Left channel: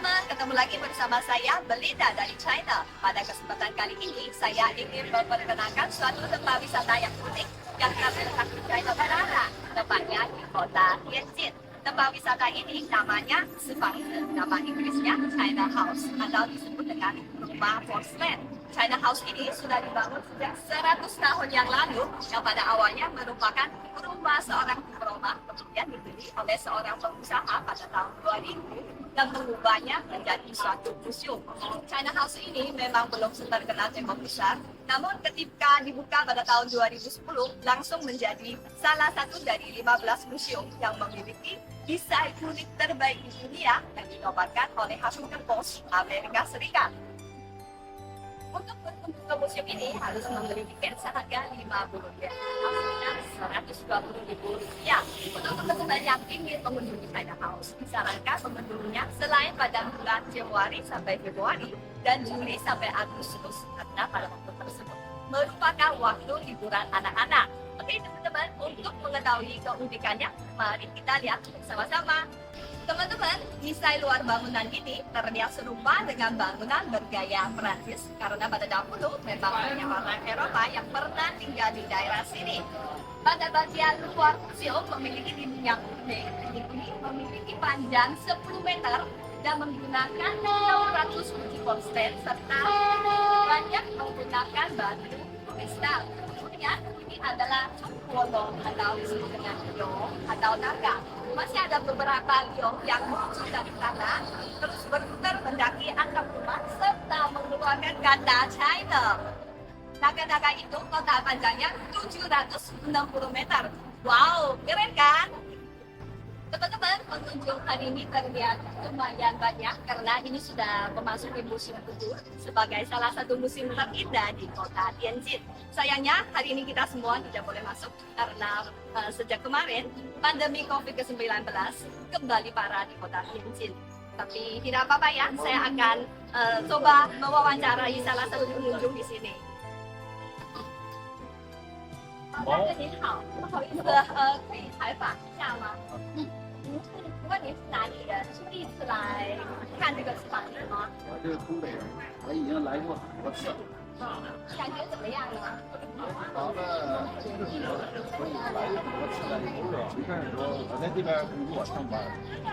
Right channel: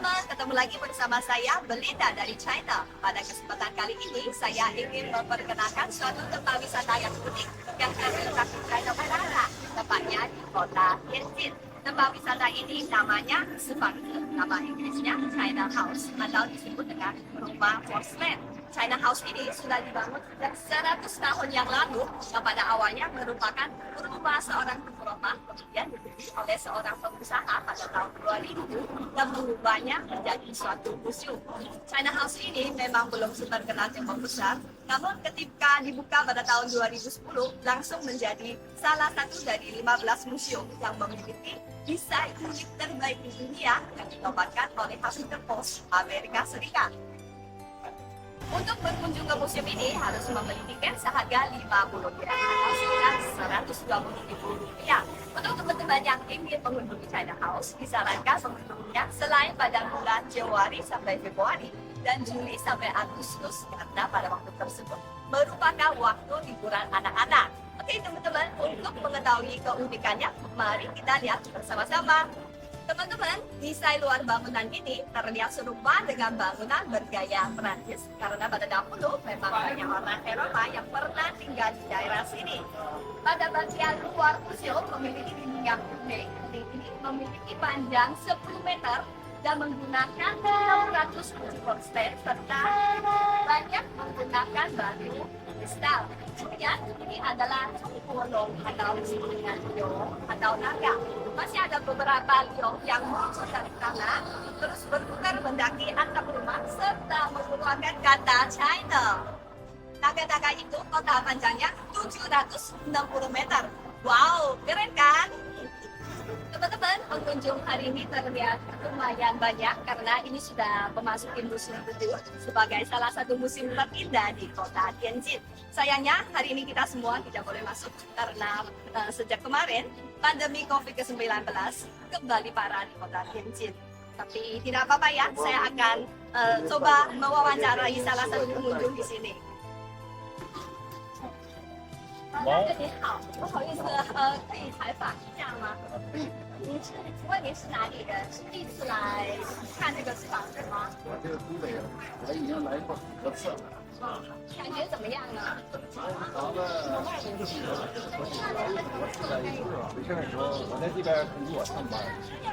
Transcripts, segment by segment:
teman-teman, ketemu lagi bersama saya Belinda dari China. Pada kesempatan kali ini, saya ingin memperkenalkan suatu tempat wisata yang unik yang terletak di China Utara, tepatnya di kota Tianjin. Tempat wisata ini namanya Sifangzi, nama Inggrisnya China House atau disebut dengan rumah porselen. China House ini sudah dibangun sejak 100 tahun yang lalu, yang pada awalnya merupakan rumah seorang pemeromah, kemudian dibeli oleh seorang pengusaha pada tahun 2000 dan mengubahnya menjadi suatu museum. China House ini memang belum terkenal tembok besar, namun ketika dibuka pada tahun 2010 langsung menjadi salah satu dari 15 museum yang memiliki desain unik terbaik di dunia yang dinobatkan oleh Huffington Post Amerika Serikat. Untuk berkunjung ke museum ini harus membeli tiket seharga 50 rupiah atau sekitar 120 ribu rupiah. Untuk teman-teman yang ingin mengunjungi China House, disarankan mengunjunginya selain pada bulan Januari sampai Februari dan Juli sampai Agustus, karena pada waktu tersebut merupakan waktu liburan anak-anak. Oke teman-teman, untuk mengetahui keunikannya, mari kita lihat bersama-sama. Teman-teman, desain luar bangunan ini terlihat serupa dengan bangunan bergaya Perancis karena pada dahulu memang banyak orang Eropa yang pernah tinggal di daerah sini. Pada bagian luar museum memiliki dinding yang unik. Dinding ini memiliki panjang 10 meter dan menggunakan 600 kunci porselen serta banyak menggunakan batu kristal. Kemudian ini adalah Congguolong atau disebut dengan Yong atau naga. Masih ada beberapa liong yang muncul dari tanah, terus berputar mendaki atap rumah serta mengeluarkan kata China. Naga-naga itu total panjangnya 760 meter. Wow, keren kan? Teman-teman, pengunjung hari ini terlihat lumayan banyak karena ini sudah memasuki musim gugur sebagai salah satu musim terindah di kota Tianjin. Sayangnya hari ini kita semua tidak boleh masuk karena sejak kemarin pandemi COVID-19 kembali parah di kota Tianjin. Tapi tidak apa-apa ya, saya akan coba mewawancarai salah satu pengunjung di sini. 大哥您好，不好意思，可以采访一下吗？请问您是哪里人？是第一次来看这个房子吗？我这个东北人，我已经来过很多次了。感觉怎么样呢？房子就是我已经来过很多次了。没事的时候，我在这边工作上班，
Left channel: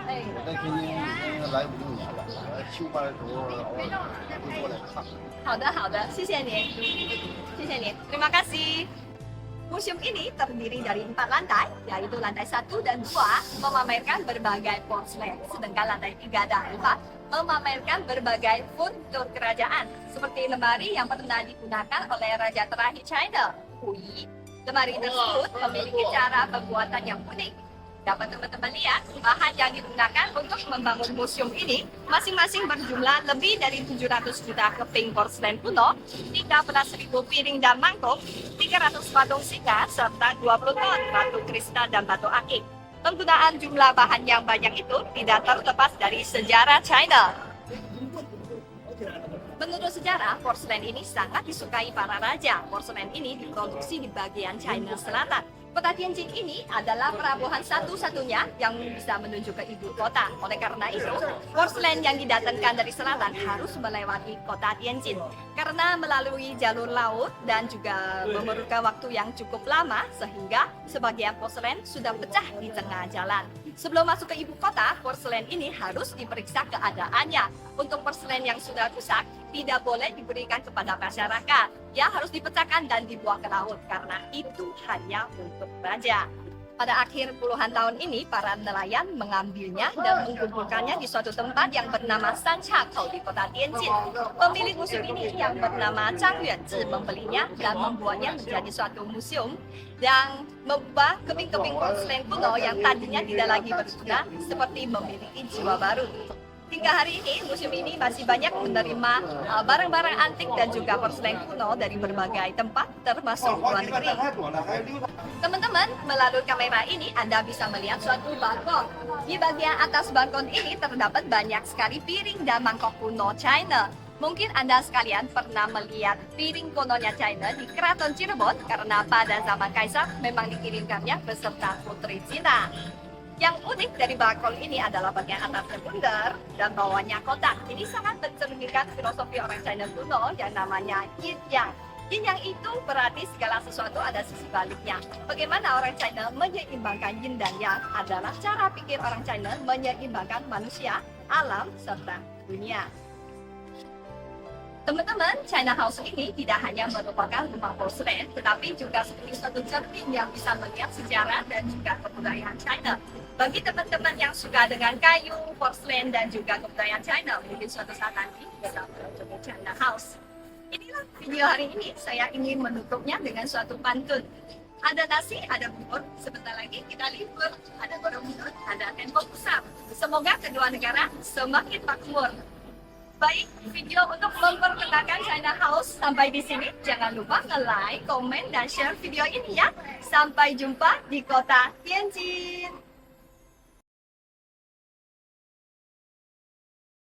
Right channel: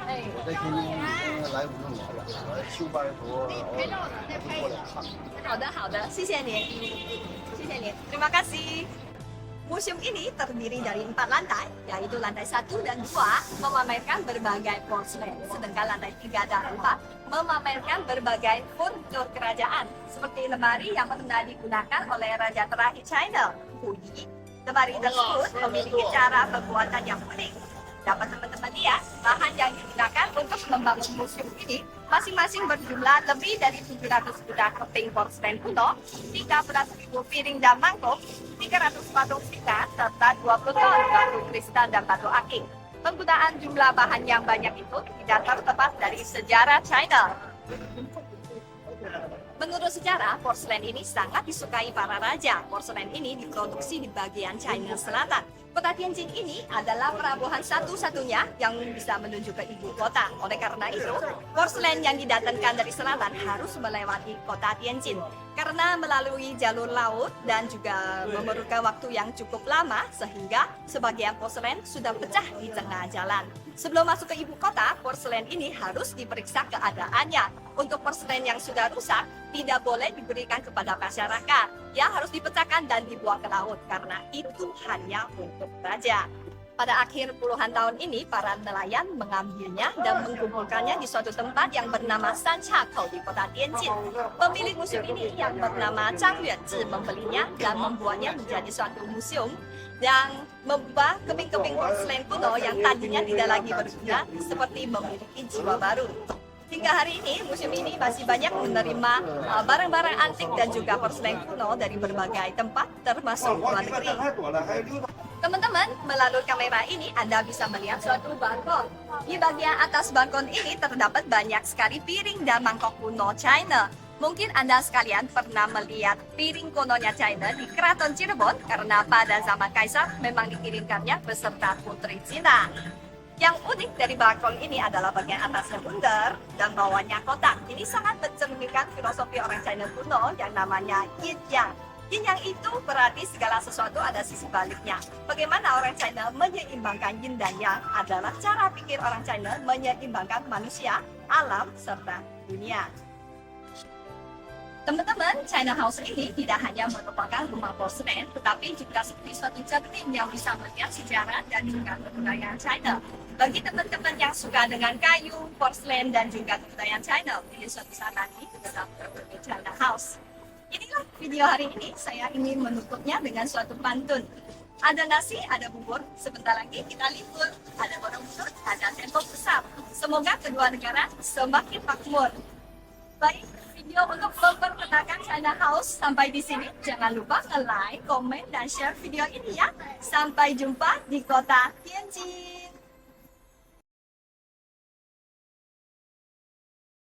哎，我在天津已经来5、6年了。我休班的时候偶尔还会过来看。好的好的，谢谢您，谢谢您，terima kasih. Museum ini terdiri dari 4 lantai, yaitu lantai 1 dan 2 memamerkan berbagai porselen, sedangkan lantai 3 dan 4 memamerkan berbagai furnitur kerajaan, seperti lemari yang pernah digunakan oleh Raja terakhir China, Hu Yi. Lemari tersebut memiliki cara pembuatan yang unik. Dapat teman-teman lihat, bahan yang digunakan untuk membangun museum ini masing-masing berjumlah lebih dari 700 juta keping porselen kuno, 13.000 piring dan mangkuk, 300 patung singa, serta 20 ton batu kristal dan batu akik. Penggunaan jumlah bahan yang banyak itu tidak terlepas dari sejarah China. Menurut sejarah, porselen ini sangat disukai para raja. Porselen ini diproduksi di bagian China Selatan. Kota Tianjin ini adalah pelabuhan satu-satunya yang bisa menuju ke ibu kota. Oleh karena itu, porselen yang didatangkan dari selatan harus melewati kota Tianjin. Karena melalui jalur laut dan juga memerlukan waktu yang cukup lama, sehingga sebagian porselen sudah pecah di tengah jalan. Sebelum masuk ke ibu kota, porselen ini harus diperiksa keadaannya. Untuk porselen yang sudah rusak, tidak boleh diberikan kepada masyarakat. Ya, harus dipecahkan dan dibuang ke laut karena itu hanya untuk raja. Pada akhir puluhan tahun ini, para nelayan mengambilnya dan mengumpulkannya di suatu tempat yang bernama Sanchakou di kota Tianjin. Pemilik museum ini yang bernama Zhang Yuanzhi membelinya dan membuatnya menjadi suatu museum yang mengubah keping-keping porselen kuno yang tadinya tidak lagi berguna seperti memiliki jiwa baru. Hingga hari ini, museum ini masih banyak menerima barang-barang antik dan juga porselen kuno dari berbagai tempat, termasuk luar negeri. Teman-teman, melalui kamera ini Anda bisa melihat suatu balkon. Di bagian atas balkon ini terdapat banyak sekali piring dan mangkok kuno China. Mungkin Anda sekalian pernah melihat piring kunonya China di Keraton Cirebon karena pada zaman Kaisar memang dikirimkannya beserta putri Cina. Yang unik dari balkon ini adalah bagian atasnya bundar dan bawahnya kotak. Ini sangat mencerminkan filosofi orang China kuno yang namanya yin yang. Yin yang itu berarti segala sesuatu ada sisi baliknya. Bagaimana orang China menyeimbangkan yin dan yang adalah cara pikir orang China menyeimbangkan manusia, alam, serta dunia. Teman-teman, China House ini tidak hanya merupakan rumah porselen, tetapi juga seperti suatu cermin yang bisa melihat sejarah dan juga kebudayaan China. Bagi teman-teman yang suka dengan kayu, porselen, dan juga kebudayaan China, mungkin suatu saat nanti bisa mengunjungi China House. Inilah video hari ini, saya ingin menutupnya dengan suatu pantun. Ada nasi, ada bubur, sebentar lagi kita libur. Ada Borobudur, ada tembok besar. Semoga kedua negara semakin makmur. Baik, video untuk memperkenalkan China House sampai di sini. Jangan lupa nge-like, komen, dan share video ini ya. Sampai jumpa di kota Tianjin.